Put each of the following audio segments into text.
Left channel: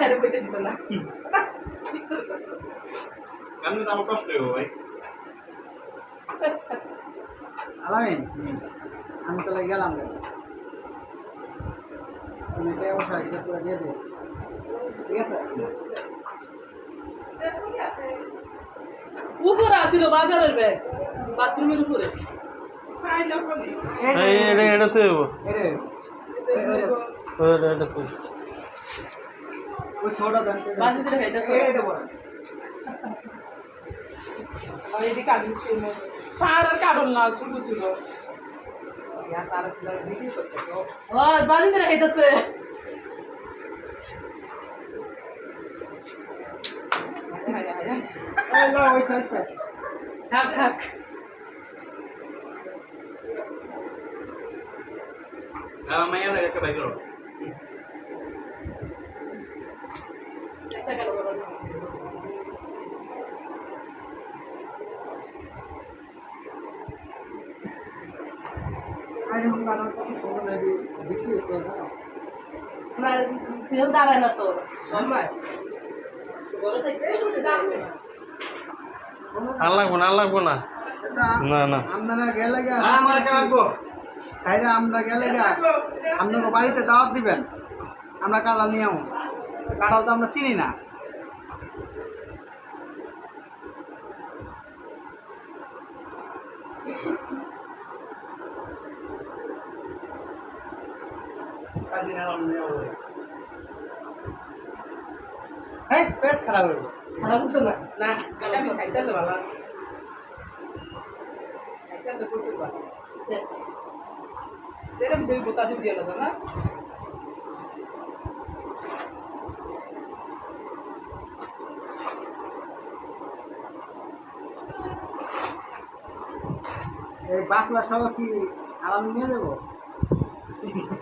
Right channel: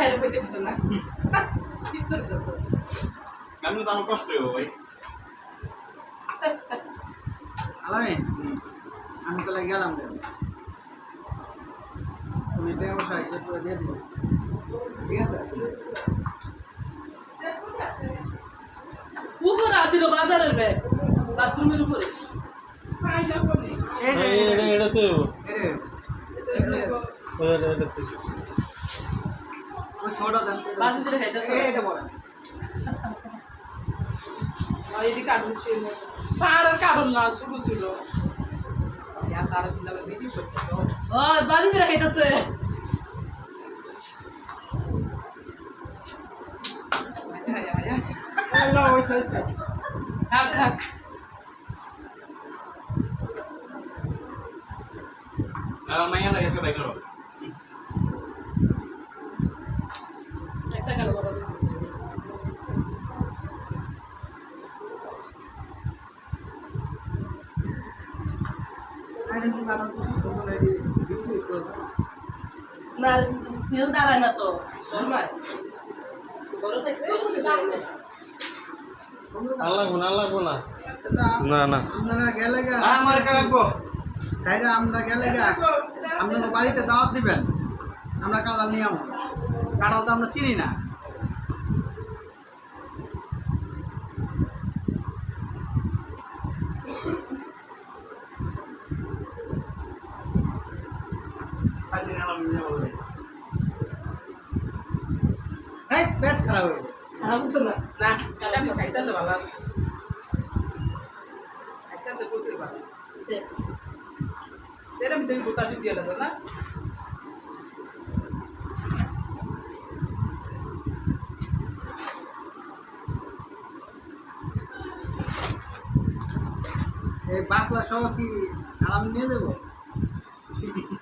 হেরে পেতে দিত না? কেমন তো আমার কষ্ট হইব ভাই? আলামিন আমি তাহলে গেলাম কেন তুমি এটা অবশ্য হিসেব করে দিয়ে দিও। ঠিক আছে? উপরে আছিল বাজারের ব্যাগ। বাথরুমের উপরে। এটা এটা তো এটা তো ওই ছোটটা দেন। বাসিতে খাইতেছে এই এটা বলেন আর এদিকে কাটুন পাহাড় আর কাটুন না ছোট ছোট খাইতেছে মাইয়া লাগে বাইক করো একটা গেল বাবা আই দেখুন কারণ সুন্দর লাগে বিক্রি করে দাও না? কেউ দাঁড়ায় না তো সময়। বড় থেকে দাঁড়ায় না। আর লাগবো না আর লাগবো না। না না। আপনারা গেলে গা। আমার সাইডে গেলে বাড়িতে দাওয়াত দিবেন। আমরা কালাল নিয়ে আমো কাঁঠাল তো আমরা চিনি না। এই পেট খারাপ হয়ে খারাপ হতো না? না কাঁচা আমি খাইতে হলে ভালো আছে। খাইতে প্রচুর ভালো। শেষ। এরকম দুই বোতা দিয়ে এলো না? এই বাকলা সহ কি আলাম নিয়ে যাব?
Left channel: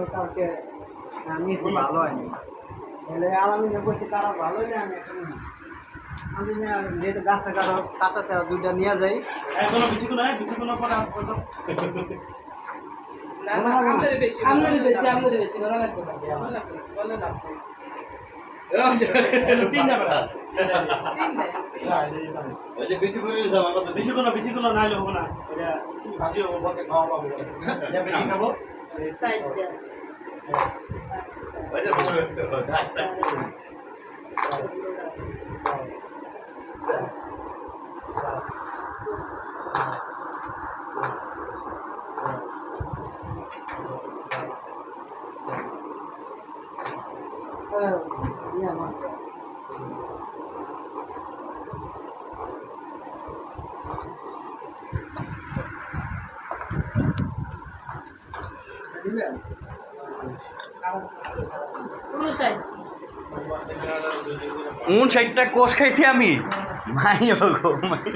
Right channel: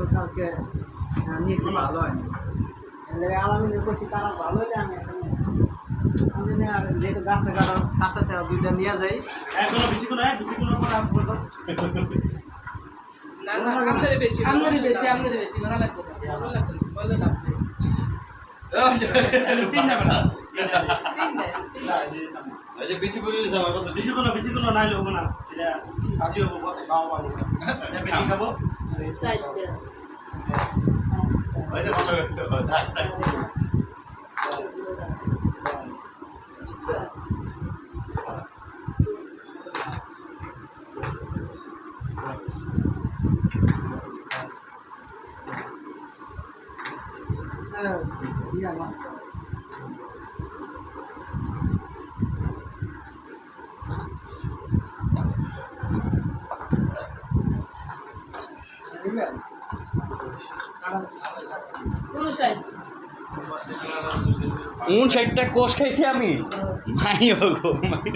দিচ্ছি কালকে নিয়েছি ভালো হয়নি। তাহলে আলামিনে বলছি তারা ভালো হলে আমি এখানে আমি না আর যেহেতু গাছে কাটা কাঁচা ছাড়া দুইটা নিয়ে যাই। এখনও বেশি কোনো বেশি কোনো না না আমাদের বেশি আমাদের বেশি আমাদের বেশি লাগবে ভালো লাগবে বলে লাভ নেই তিন যাবে না তিন দেয় এই যে বেশি করে দিয়েছে আমার কথা বেশি কোনো বেশি কোনো নাইলে হবে না এটা ভাজি হব বসে খাওয়া পাবো এটা বেশি খাব সাইড দেয় ওই যে ভালো থাক থাক হ্যাঁ নিয়ে আমার দিবেন কোন সাইড উন ষাটটা কোষ খাইছি আমি? মাই গো মাই।